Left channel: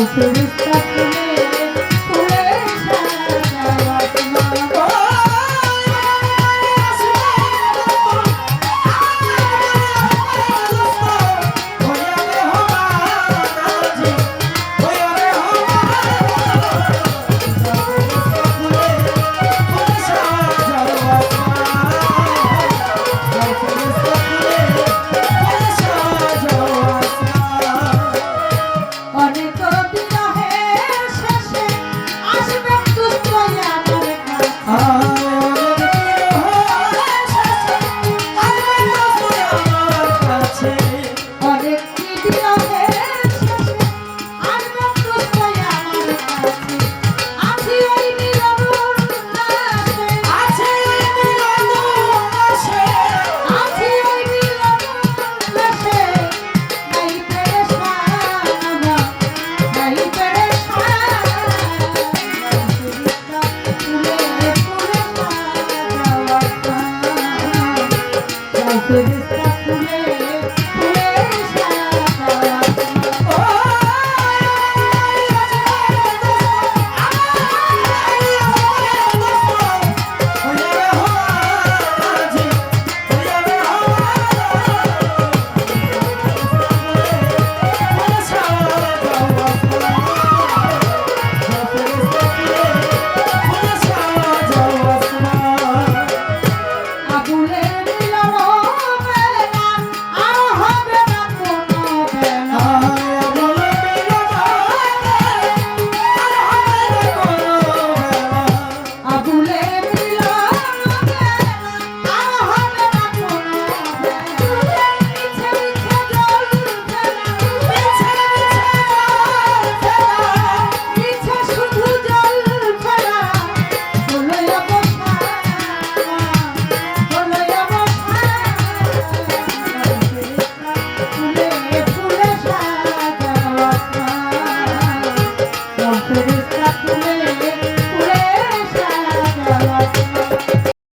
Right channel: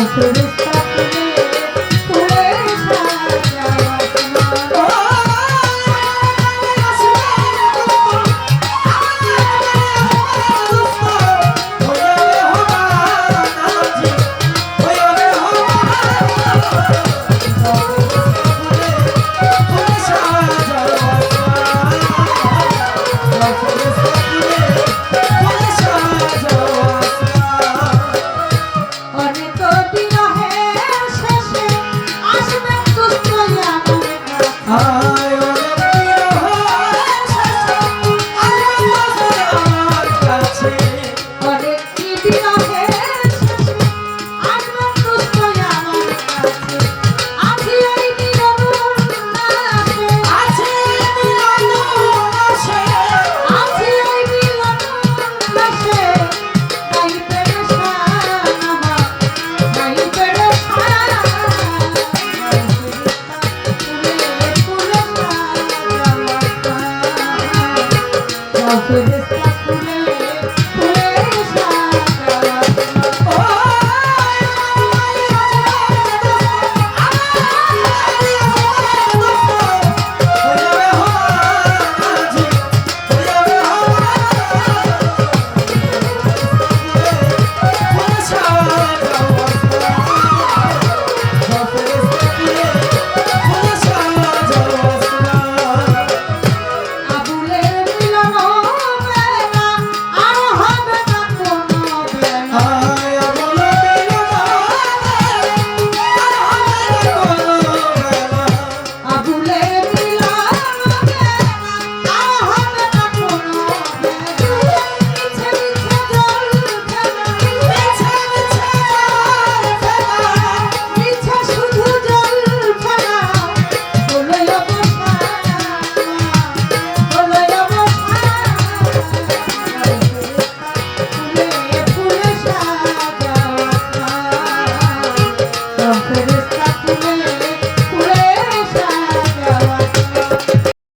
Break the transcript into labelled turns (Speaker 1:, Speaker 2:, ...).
Speaker 1: 嗯。Thank you.